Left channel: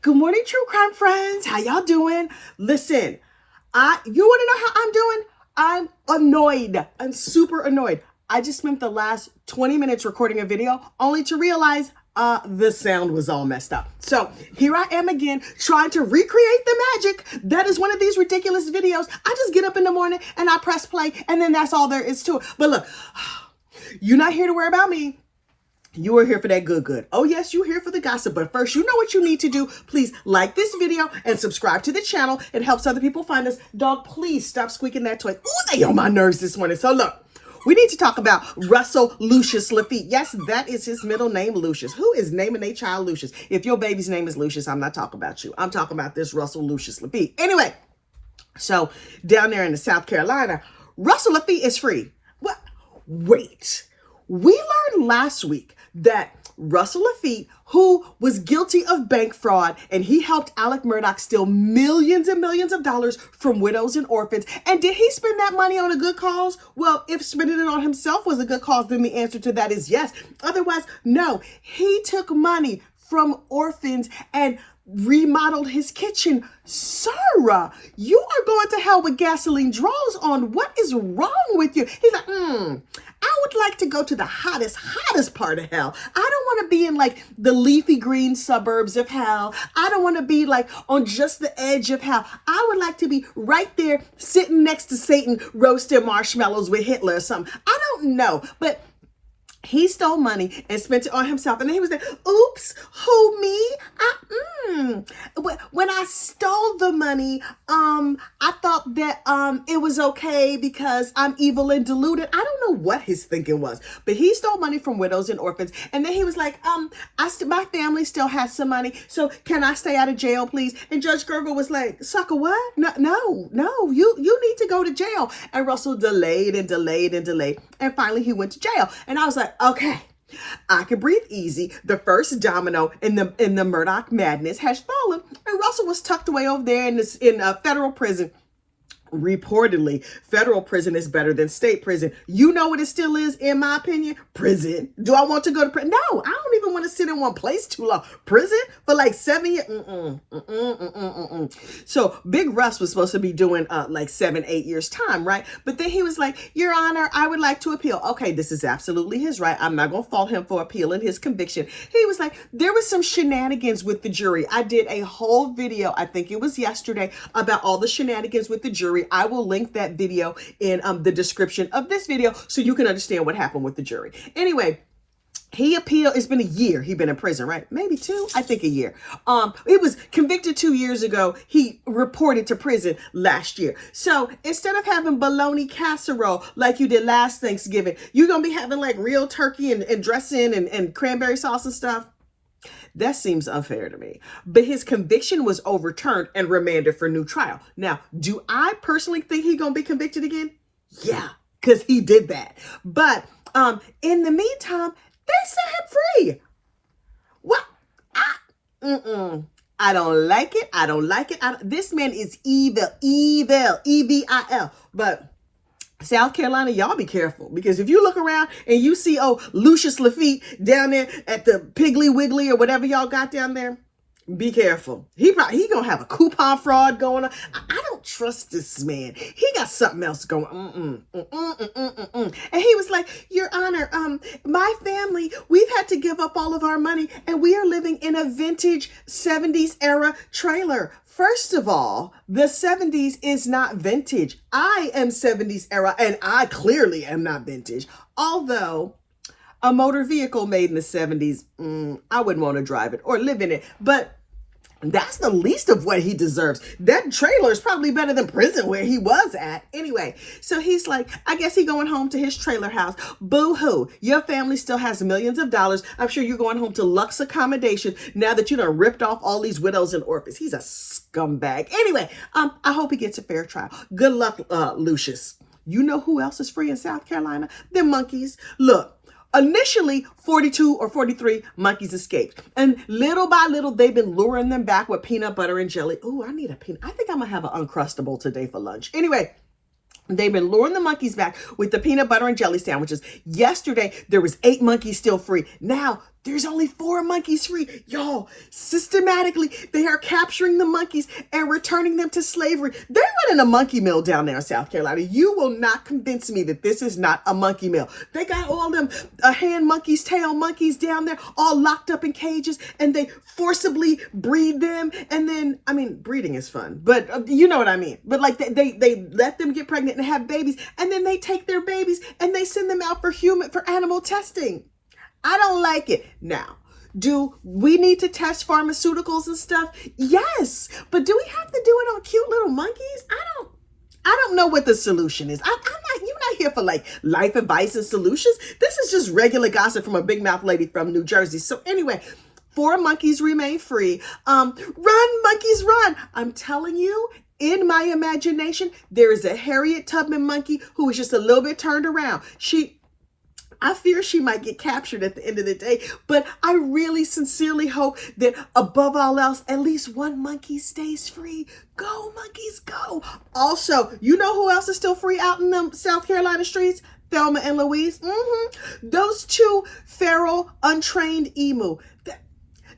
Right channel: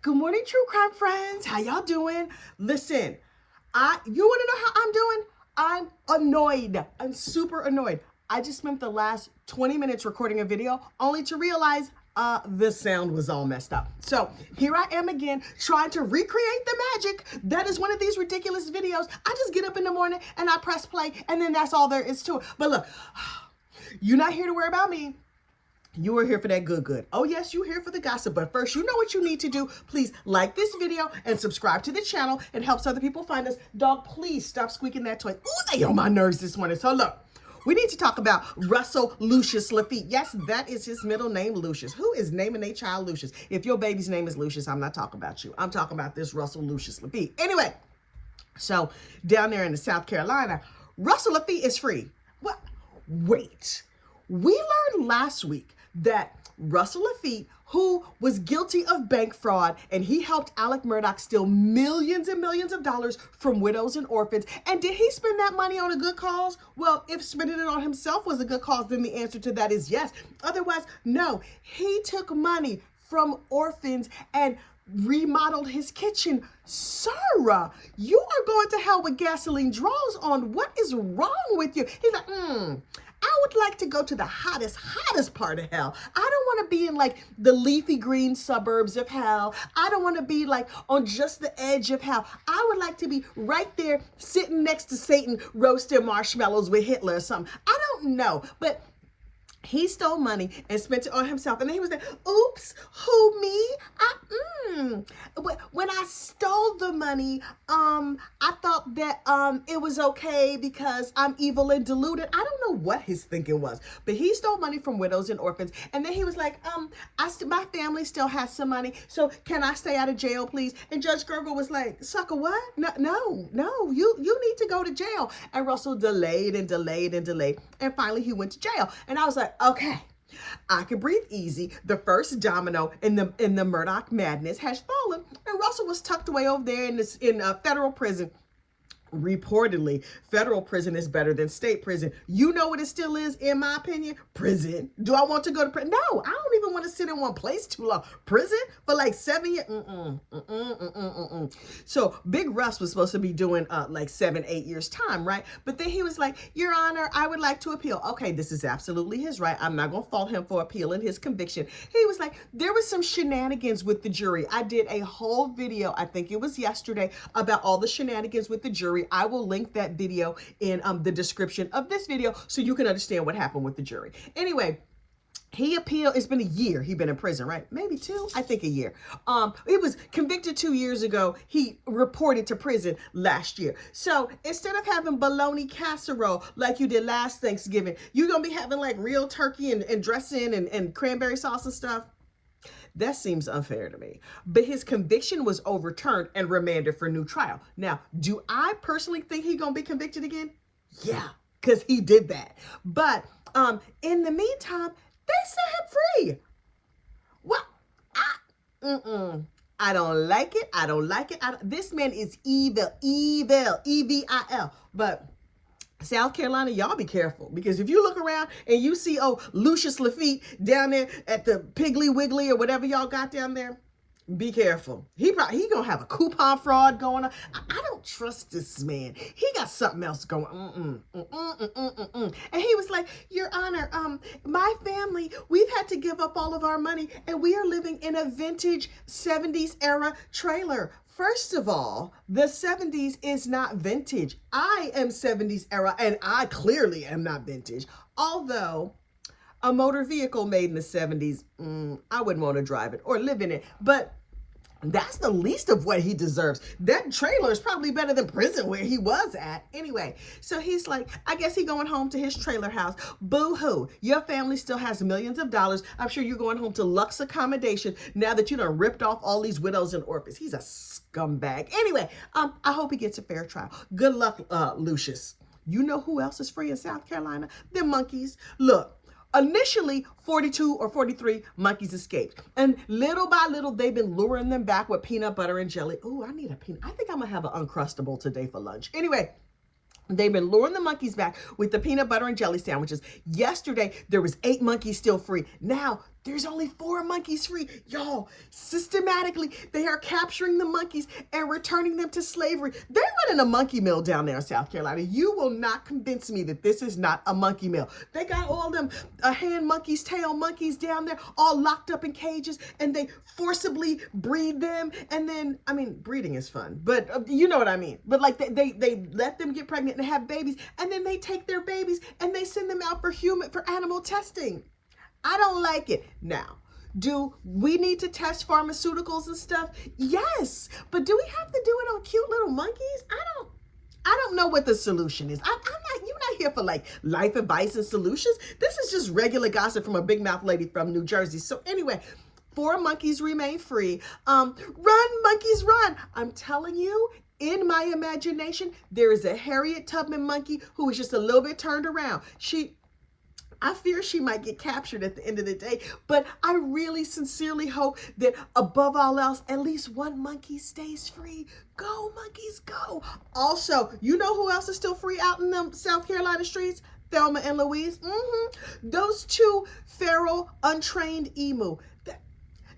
Good morning, true crime friends. How y'all doing? Listen, you want to know how I'm doing? I'm annoyed. I'm super annoyed. I just spent the last 20 minutes recording a video only to realize the sound was all messed up. So here I am again trying to recreate the magic that is one of these ridiculous videos. I just get up in the morning and I press play and then that's all there is to it. But look, you're not here to worry about me. You are here for that good. Oh, yes, you're here for the gossip. But first, you know what you need to do. Please like this video and subscribe to the channel. It helps other people find us. Dog, please stop squeaking that toy. Ooh, they on my nerves this morning. So look, we need to talk about Russell Lucius Laffitte. Yes, that is his middle name, Lucius. Who is naming their child Lucius? If your baby's name is Lucius, I'm not talking about you. I'm talking about this Russell Lucius Laffitte. Anyway, so down there in the South Carolina, Russell Laffitte is free. What? Wait. We learned last week that Russell Laffitte, who was guilty of bank fraud, and he helped Alec Murdaugh steal millions and millions of dollars from widows and orphans. And did he spend that money on a good cause? Well, if spending it on himself was a good cause, then the answer to that is yes. Otherwise, no. He took money from orphans and remodeled his kitchen. Sir, you are going to hell with gasoline draws on. What is wrong with you? He's like, I would like to go to the hottest part of hell. I don't want to be in like the leafy green suburbs of hell. I don't want to be like on just the edge of hell. I would like to be right there sitting next to Satan roasting marshmallows with Hitler or something. I don't know, but he stole money and spent it on himself. And then he was like, oops, who, me? When I stole the money, I thought that it was okay because I'm evil and deluded. I don't know what his thinking was, but he stole money from widows and orphans. And then he was like, my family still has some money, so can I stay out of jail, please? And Judge Gergel was like, sucker, what? No, you need to go to jail. And Russell delayed. And finally he went to jail. And I was like, okay, I can breathe easy. The first domino in the Murdaugh madness has fallen, and Russell was tucked away over there in federal prison. Reportedly, federal prison is better than state prison. You know what it still is, in my opinion? Prison. Do I want to go to prison? No, I don't even want to sit in one place too long. Prison for like 7 years? So Big Russ was supposed to be doing like 7-8 years time, right? But then he was like, Your Honor, I would like to appeal. Okay, this is absolutely his right. I'm not going to fault him for appealing his conviction. He was like, there was some shenanigans with the jury. I did a whole video, I think it was yesterday, about all the shenanigans with the jury. I will link that video in the description of this video so you can understand what happened with the jury. Anyway, he appealed. It's been a year. He's been in prison, right? Maybe 2. I think a year. He was convicted 2 years ago. He reported to prison last year. So instead of having bologna casserole like you did last Thanksgiving, you're going to be having like real turkey and dressing and cranberry sauce and stuff. That seems unfair to me. But his conviction was overturned and remanded for new trial. Now, do I personally think he's going to be convicted again? Yeah, because he did that. But in the meantime, they set him free. Well, I don't like it. This man is evil, E-V-I-L. But South Carolina, y'all be careful, because if you look around and you see, Lucius Laffitte down there at the Piggly Wiggly or whatever y'all got down there, be careful. He gonna have a coupon fraud going on. I don't trust this man. He got something else going on. And he was like, Your Honor, my family, we've had to give up all of our money and we are living in a vintage 70s era trailer. First of all, the 70s is not vintage. I am 70s era and I clearly am not vintage. Although a motor vehicle made in the 70s, I wouldn't want to drive it or live in it. But that's the least of what he deserves. That trailer is probably better than prison where he was at. Anyway, so he's like, I guess he's going home to his trailer house. Boo-hoo. Your family still has millions of dollars. I'm sure you're going home to Lux accommodation now that you done ripped off all these widows and orphans. He's a scumbag. Anyway, I hope he gets a fair trial. Good luck, Lucius. You know who else is free in South Carolina? The monkeys. Look. Initially, 42 or 43 monkeys escaped. And little by little, they've been luring them back with peanut butter and jelly. Oh, I need a peanut. I think I'm going to have an Uncrustable today for lunch. Anyway, they've been luring the monkeys back with the peanut butter and jelly sandwiches. Yesterday, there was 8 monkeys still free. Now, There's only 4 monkeys free. Y'all, systematically, they are capturing the monkeys and returning them to slavery. They're running a monkey mill down there in South Carolina. You will not convince me that this is not a monkey mill. They got all them hand monkeys, tail monkeys down there, all locked up in cages, and they forcibly breed them. And then, I mean, breeding is fun, but you know what I mean. But like they let them get pregnant and have babies, and then they take their babies and they send them out for animal testing. I don't like it. Now, do we need to test pharmaceuticals and stuff? Yes, but do we have to do it on cute little monkeys? I don't know what the solution is. You're not here for like life advice and solutions. This is just regular gossip from a big mouth lady from New Jersey. So anyway, 4 monkeys remain free. Run, monkeys, run. I'm telling you, in my imagination, there is a Harriet Tubman monkey who is just a little bit turned around. I fear she might get captured at the end of the day, but I really sincerely hope that above all else, at least one monkey stays free. Go, monkeys, go. Also, you know who else is still free out in the South Carolina streets? Thelma and Louise. Those 2 feral, untrained emu. The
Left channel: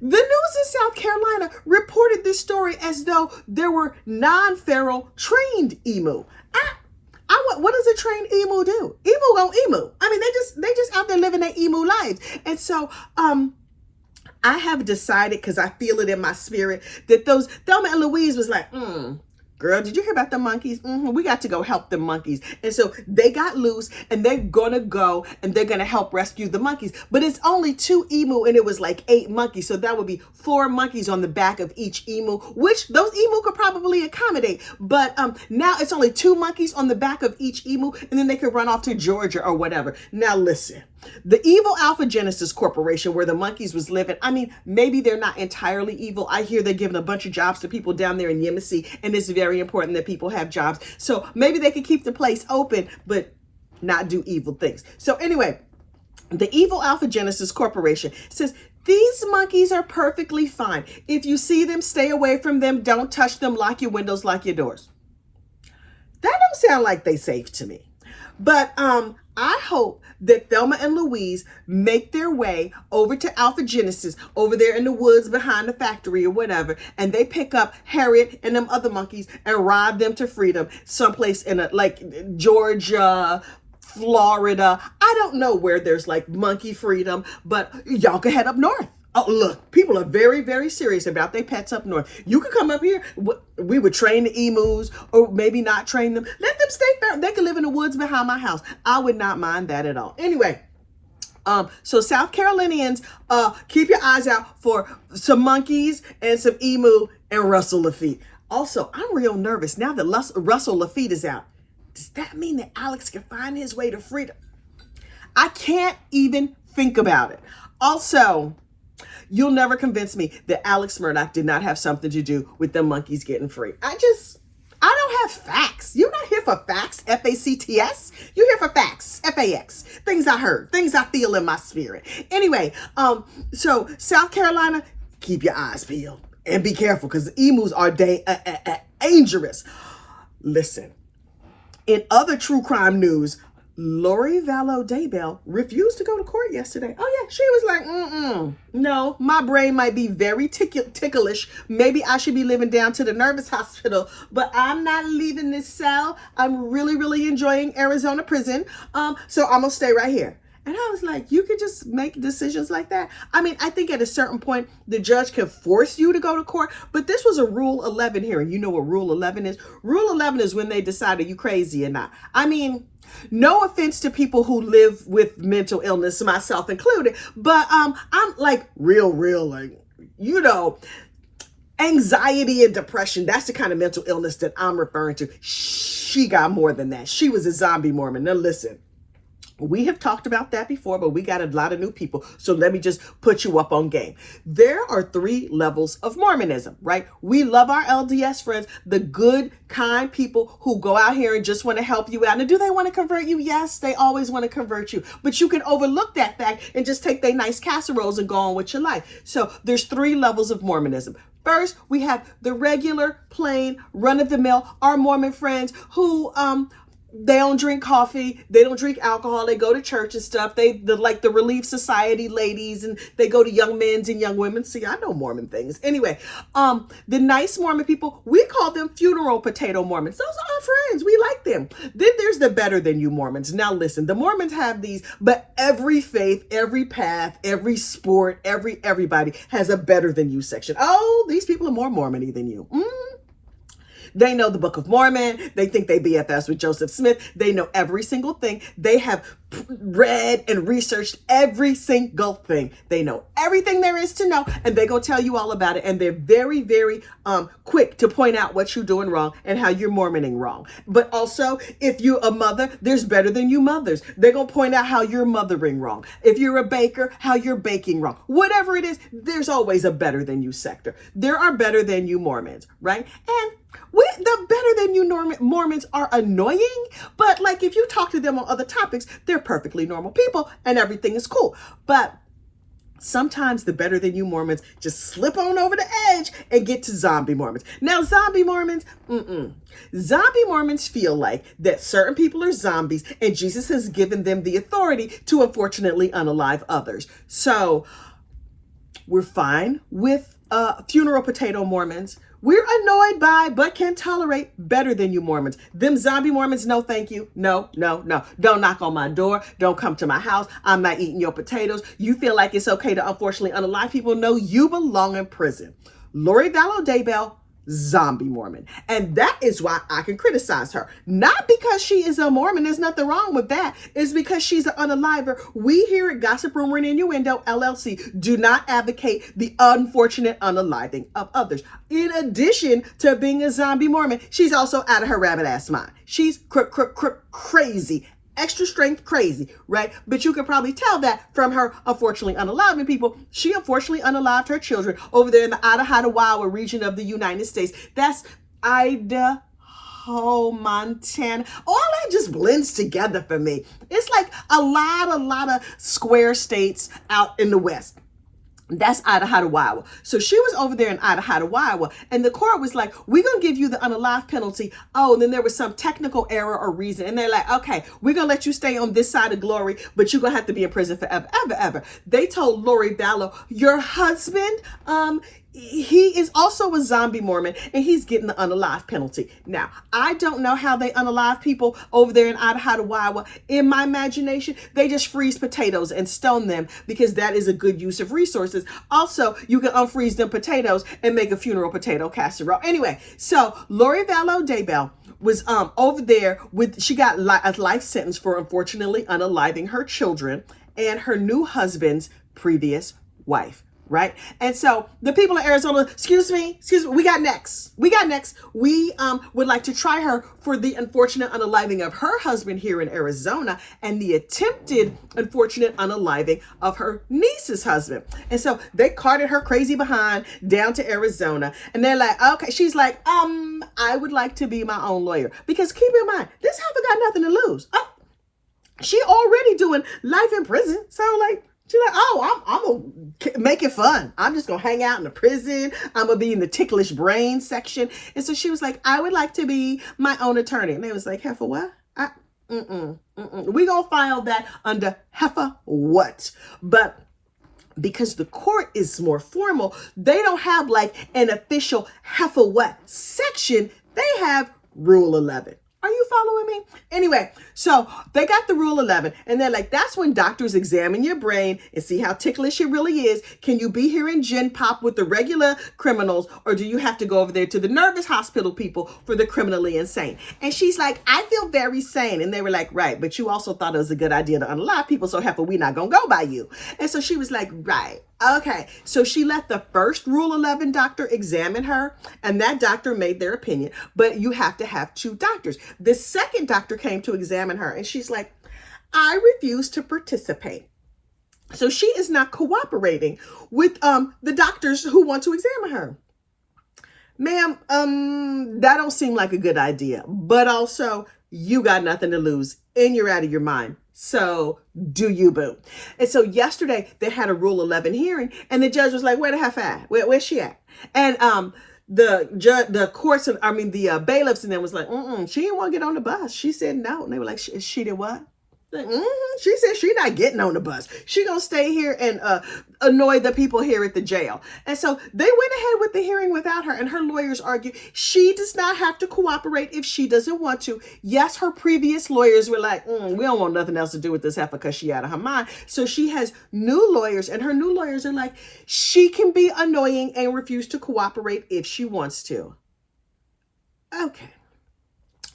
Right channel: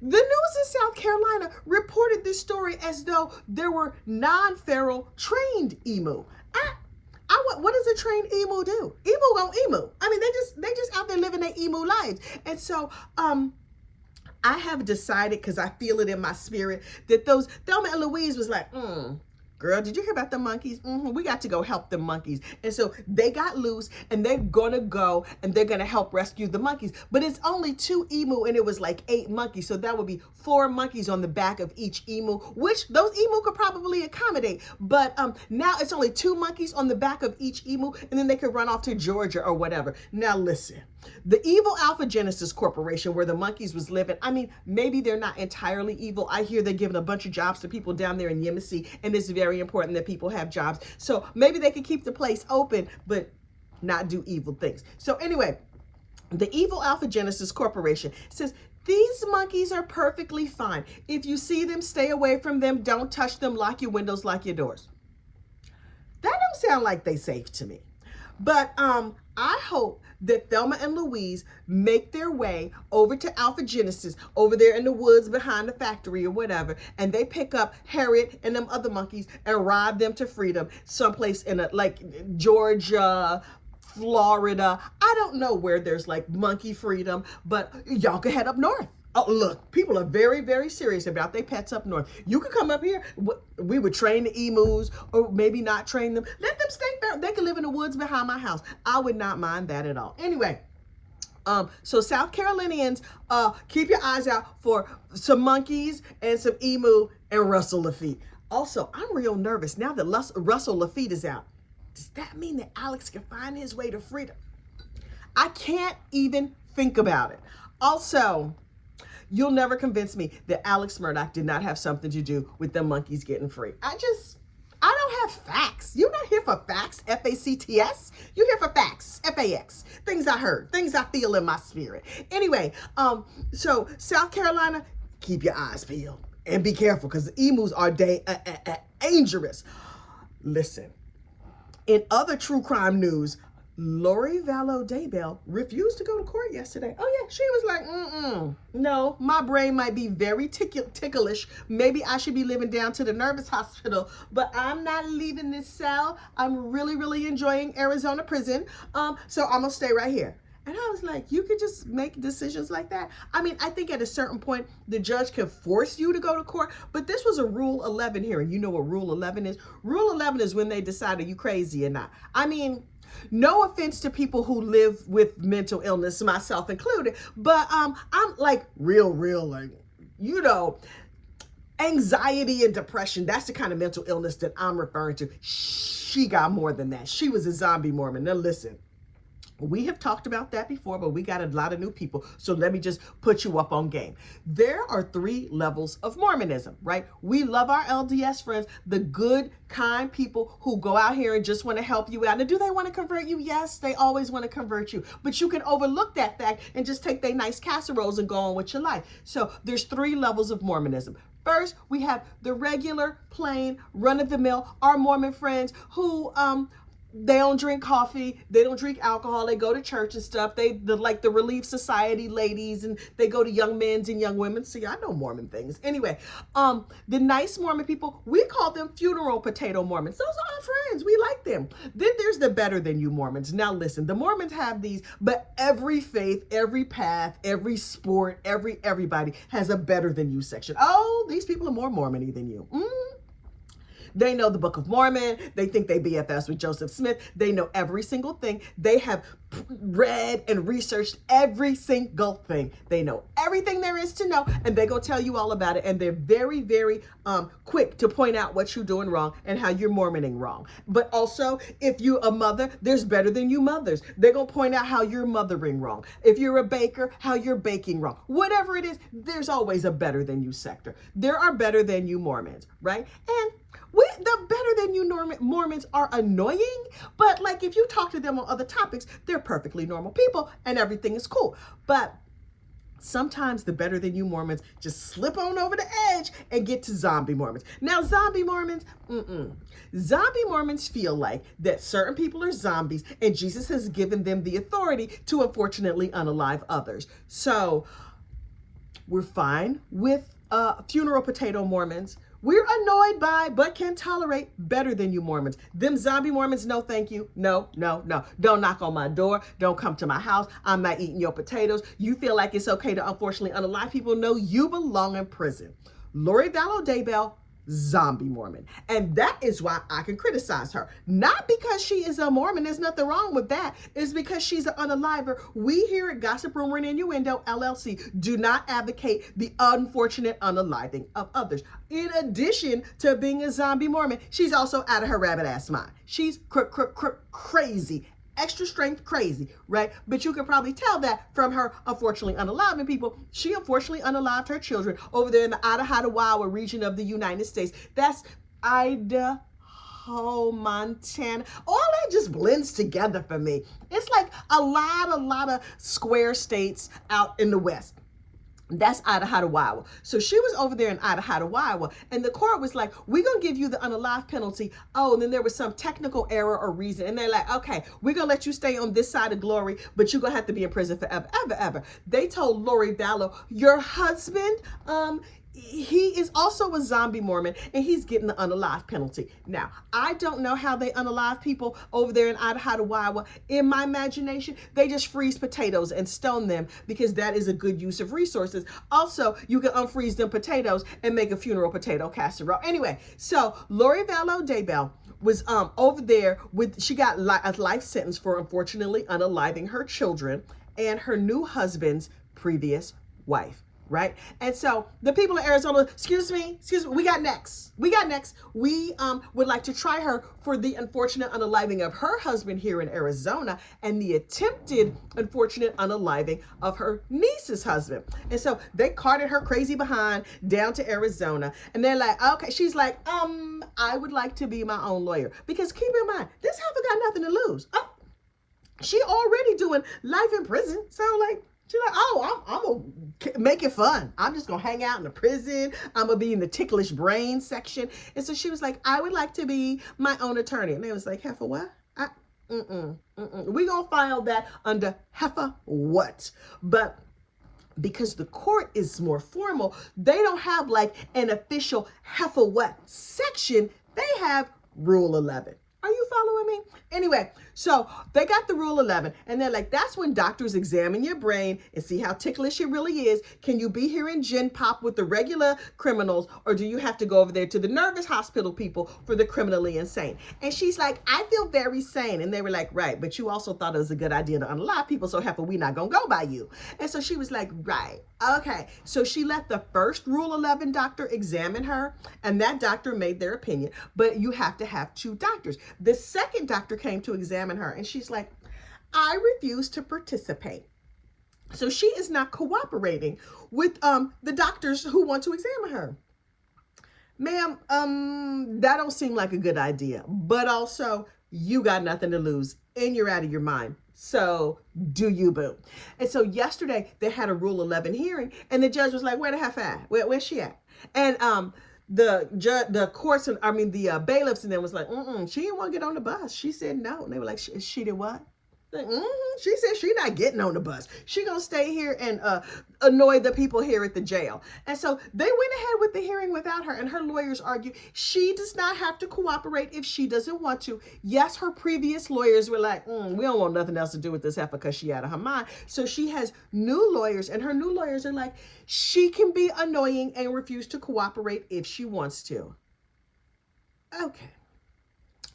news in South Carolina reported this story as though there were non-feral trained emu. What does a trained emu do? Emu gon' emu. I mean, they just out there living their emu lives. And so, I have decided, because I feel it in my spirit, that those Thelma and Louise was like, girl, did you hear about the monkeys? We got to go help the monkeys. And so they got loose and they're going to go and they're going to help rescue the monkeys. But it's only 2 emu and it was like 8 monkeys. So that would be 4 monkeys on the back of each emu, which those emu could probably accommodate. But now it's only 2 monkeys on the back of each emu, and then they could run off to Georgia or whatever. Now listen, the evil Alpha Genesis Corporation, where the monkeys was living, I mean, maybe they're not entirely evil. I hear they're giving a bunch of jobs to people down there in Yemisi, and it's very important that people have jobs. So maybe they can keep the place open, but not do evil things. So anyway, the evil Alpha Genesis Corporation says, these monkeys are perfectly fine. If you see them, stay away from them. Don't touch them. Lock your windows, lock your doors. That don't sound like they safe to me. But I hope that Thelma and Louise make their way over to Alpha Genesis over there in the woods behind the factory or whatever, and they pick up Harriet and them other monkeys and ride them to freedom someplace in like Georgia, Florida. I don't know where there's like monkey freedom, but y'all can head up north. Oh, look, people are very, very serious about their pets up north. You could come up here. We would train the emus, or maybe not train them. Let them stay there. They can live in the woods behind my house. I would not mind that at all. Anyway, so South Carolinians, keep your eyes out for some monkeys and some emu and Russell Lafitte. Also, I'm real nervous now that Russell Lafitte is out. Does that mean that Alex can find his way to freedom? I can't even think about it. Also, you'll never convince me that Alex Murdaugh did not have something to do with the monkeys getting free. I don't have facts. You're not here for facts, F-A-C-T-S. You're here for facts, F-A-X. Things I heard, things I feel in my spirit. Anyway, so South Carolina, keep your eyes peeled and be careful, because the emus are dangerous. Listen, in other true crime news, Lori Vallow Daybell refused to go to court yesterday. Oh yeah, she was like, no, my brain might be very ticklish. Maybe I should be living down to the nervous hospital, but I'm not leaving this cell. I'm really, really enjoying Arizona prison. So I'm gonna stay right here. And I was like, you could just make decisions like that? I mean, I think at a certain point, the judge can force you to go to court, but this was a Rule 11 hearing. You know what Rule 11 is? Rule 11 is when they decide, are you crazy or not? I mean, no offense to people who live with mental illness, myself included, but I'm like real, like, you know, anxiety and depression. That's the kind of mental illness that I'm referring to. She got more than that. She was a zombie Mormon. Now listen, we have talked about that before, but we got a lot of new people. So let me just put you up on game. There are 3 levels of Mormonism, right? We love our LDS friends, the good, kind people who go out here and just want to help you out. Now, do they want to convert you? Yes, they always want to convert you. But you can overlook that fact and just take their nice casseroles and go on with your life. So there's 3 levels of Mormonism. First, we have the regular, plain, run-of-the-mill, our Mormon friends who They don't drink coffee. They don't drink alcohol. They go to church and stuff. Like the Relief Society ladies, and they go to young men's and young women. See, I know Mormon things. Anyway, the nice Mormon people, we call them funeral potato Mormons. Those are our friends. We like them. Then there's the better than you Mormons. Now listen, the Mormons have these, but every faith, every path, every sport, everybody has a better than you section. Oh, these people are more Mormon-y than you. They know the Book of Mormon. They think they BFS with Joseph Smith. They know every single thing. They have read and researched every single thing. They know everything there is to know, and they're going to tell you all about it. And they're very, very quick to point out what you're doing wrong and how you're Mormoning wrong. But also, if you're a mother, there's better than you mothers. They're going to point out how you're mothering wrong. If you're a baker, how you're baking wrong. Whatever it is, there's always a better than you sector. There are better than you Mormons, right? And the better than you Mormons are annoying, but like if you talk to them on other topics, they're perfectly normal people and everything is cool. But sometimes the better than you Mormons just slip on over the edge and get to zombie Mormons. Now, zombie Mormons, zombie Mormons feel like that certain people are zombies and Jesus has given them the authority to unfortunately unalive others. So we're fine with funeral potato Mormons. We're annoyed by, but can tolerate better than you Mormons. Them zombie Mormons, no thank you. No, no, no. Don't knock on my door. Don't come to my house. I'm not eating your potatoes. You feel like it's okay to unfortunately unalive people? No, you belong in prison. Lori Vallow Daybell, zombie Mormon. And that is why I can criticize her. Not because she is a Mormon. There's nothing wrong with that. It's because she's an unaliver. We here at Gossip, Rumor, and Innuendo LLC do not advocate the unfortunate unaliving of others. In addition to being a zombie Mormon, she's also out of her rabbit ass mind. She's crazy. Extra strength crazy, right? But you can probably tell that from her unfortunately unaliving people. She unfortunately unalived her children over there in the Idaho region of the United States. That's Idaho, Montana. All that just blends together for me. It's like a lot of square states out in the West. That's Idaho. So she was over there in Idaho, and the court was like, we're going to give you the unalive penalty. Oh, and then there was some technical error or reason. And they're like, okay, we're going to let you stay on this side of glory, but you're going to have to be in prison forever, ever. They told Lori Vallow, your husband, he is also a zombie Mormon, and he's getting the unalive penalty. Now, I don't know how they unalive people over there in Idaho. In my imagination, they just freeze potatoes and stone them because that is a good use of resources. Also, you can unfreeze them potatoes and make a funeral potato casserole. Anyway, so Lori Vallow Daybell was over there she got a life sentence for unfortunately unaliving her children and her new husband's previous wife. Right? And so the people in Arizona, excuse me, we got next. We would like to try her for the unfortunate unaliving of her husband here in Arizona and the attempted unfortunate unaliving of her niece's husband. And so they carted her crazy behind down to Arizona, and they're like, okay, she's like, I would like to be my own lawyer, because keep in mind, this heifer got nothing to lose. Oh, she already doing life in prison. So like, she's like, oh, I'm going to make it fun. I'm just going to hang out in the prison. I'm going to be in the ticklish brain section. And so she was like, I would like to be my own attorney. And they was like, heifer what? We going to file that under heifer what? But because the court is more formal, they don't have like an official heifer what section. They have Rule 11. Are you following me? Anyway, so they got the Rule 11, and they're like, that's when doctors examine your brain and see how ticklish it really is. Can you be here in Gen Pop with the regular criminals, or do you have to go over there to the nervous hospital people for the criminally insane? And she's like, I feel very sane. And they were like, right, but you also thought it was a good idea to unalive people, so heifer, we not gonna go by you. And so she was like, right. Okay, so she let the first Rule 11 doctor examine her, and that doctor made their opinion, but you have to have two doctors. The second doctor came to examine her, and she's like, I refuse to participate. So she is not cooperating with the doctors who want to examine her. Ma'am, that don't seem like a good idea, but also you got nothing to lose and you're out of your mind. So do you, boo? And so yesterday they had a Rule 11 hearing, and the judge was like, where the heifer at? Where's she at? And the courts, and I mean the bailiffs, and them was like, she didn't want to get on the bus. She said no, and they were like, she did what? Like, she said she not getting on the bus. She gonna stay here and annoy the people here at the jail. And so they went ahead with the hearing without her, and her lawyers argue she does not have to cooperate if she doesn't want to. Yes, her previous lawyers were like, we don't want nothing else to do with this heifer because she out of her mind. So she has new lawyers, and her new lawyers are like, she can be annoying and refuse to cooperate if she wants to. Okay.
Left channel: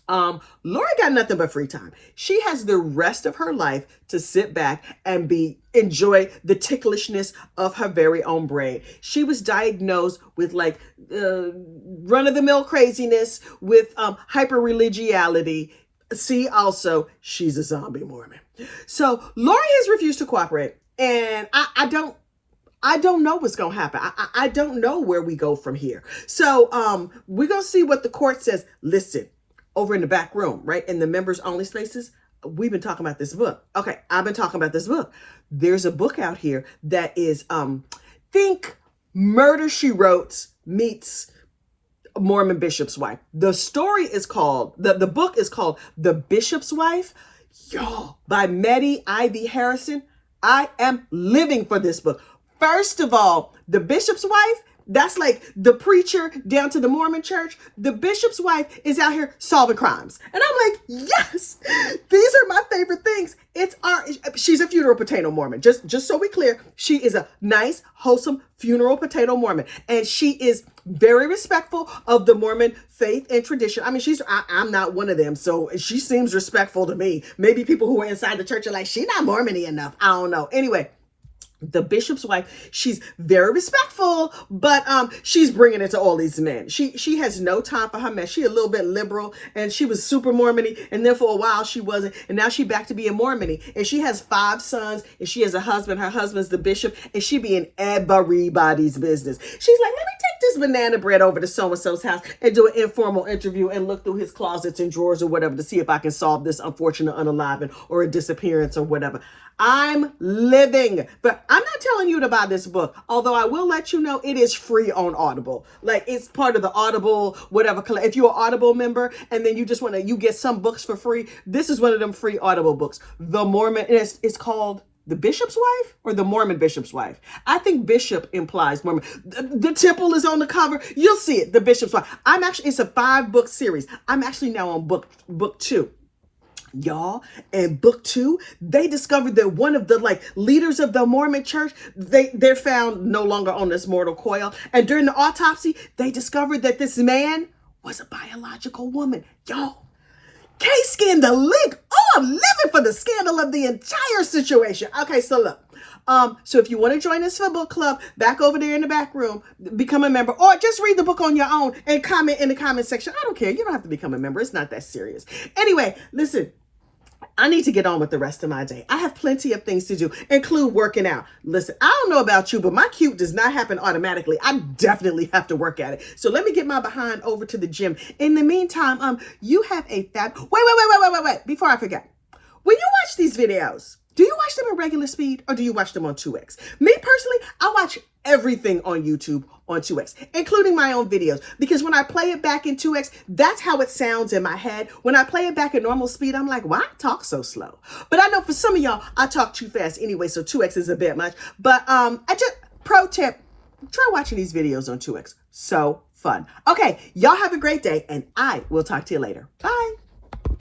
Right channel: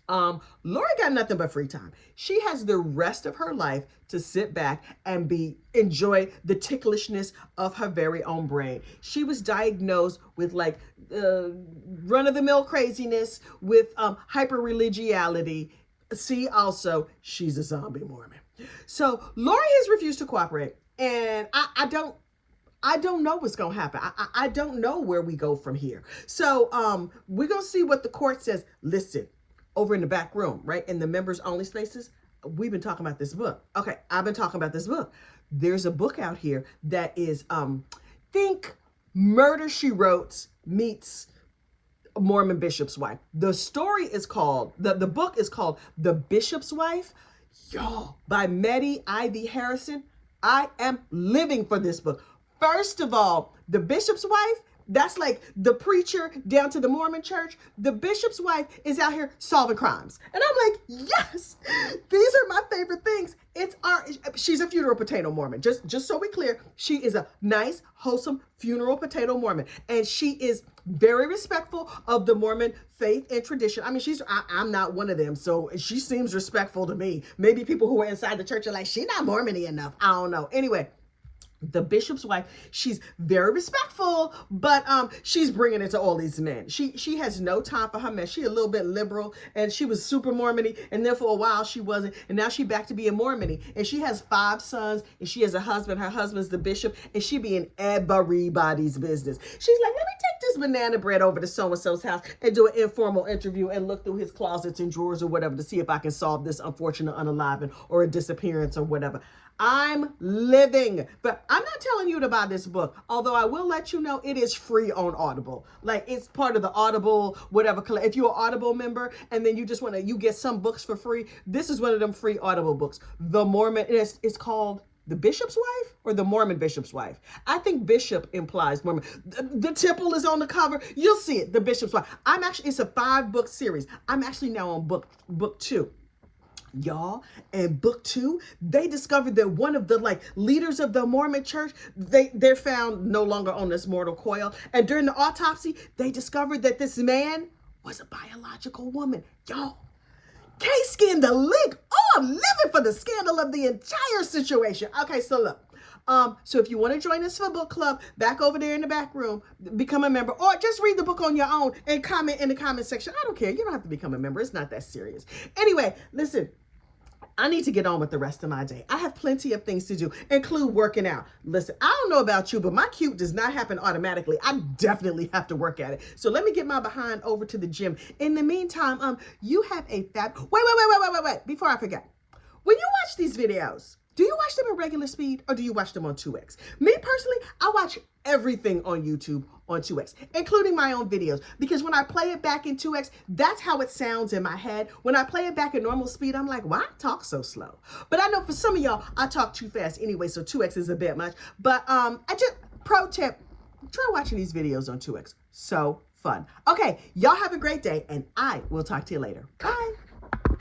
Lori got nothing but free time. She has the rest of her life to sit back and enjoy the ticklishness of her very own brain. She was diagnosed with like run-of-the-mill craziness, with hyper-religiality. See, also, she's a zombie Mormon. So Lori has refused to cooperate, and I don't know what's going to happen. I don't know where we go from here. So we're going to see what the court says. Listen, over in the back room, right, in the members only spaces, we've been talking about this book. Okay, I've been talking about this book. There's a book out here that is, think Murder, She Wrote meets Mormon Bishop's Wife. The story is called, the book is called The Bishop's Wife, y'all, by Meddy Ivy Harrison. I am living for this book. First of all, The Bishop's Wife, that's like the preacher down to the Mormon church. The bishop's wife is out here solving crimes. And I'm like, yes, these are my favorite things. She's a funeral potato Mormon. Just so we clear, she is a nice, wholesome funeral potato Mormon. And she is very respectful of the Mormon faith and tradition. I mean, I'm not one of them, so she seems respectful to me. Maybe people who are inside the church are like, she's not Mormon-y enough. I don't know. Anyway, the bishop's wife, she's very respectful, but she's bringing it to all these men. She has no time for her mess. She a little bit liberal, and she was super Mormon-y, and then for a while she wasn't, and now she back to being Mormon-y. And she has 5 sons, and she has a husband. Her husband's the bishop, and she be in everybody's business. She's like, let me take this banana bread over to so-and-so's house and do an informal interview and look through his closets and drawers or whatever to see if I can solve this unfortunate unaliving or a disappearance or whatever. I'm living, but I'm not telling you to buy this book, although I will let you know it is free on Audible. Like, it's part of the Audible, whatever. If you're an Audible member and then you just you get some books for free, this is one of them free Audible books. The Mormon, it's called The Bishop's Wife or The Mormon Bishop's Wife. I think Bishop implies Mormon. The temple is on the cover. You'll see it, The Bishop's Wife. It's a 5-book series. I'm actually now on book 2. Y'all, and book 2, they discovered that one of the leaders of the Mormon church, they're found no longer on this mortal coil. And during the autopsy, they discovered that this man was a biological woman. Y'all, K-Scan the link. Oh, I'm living for the scandal of the entire situation. Okay, so look. So if you want to join us for book club, back over there in the back room, become a member, or just read the book on your own and comment in the comment section. I don't care. You don't have to become a member. It's not that serious. Anyway, listen. I need to get on with the rest of my day. I have plenty of things to do, include working out. Listen, I don't know about you, but my cute does not happen automatically. I definitely have to work at it. So let me get my behind over to the gym. In the meantime, you have a wait. Before I forget, when you watch these videos, do you watch them in regular speed or do you watch them on 2x? Me personally, I watch everything on YouTube on 2x, including my own videos, because when I play it back in 2x, that's how it sounds in my head. When I play it back at normal speed, I'm like, why I talk so slow? But I know for some of y'all, I talk too fast anyway, so 2x is a bit much. But pro tip, try watching these videos on 2x. So fun. Okay, y'all have a great day, and I will talk to you later. Bye.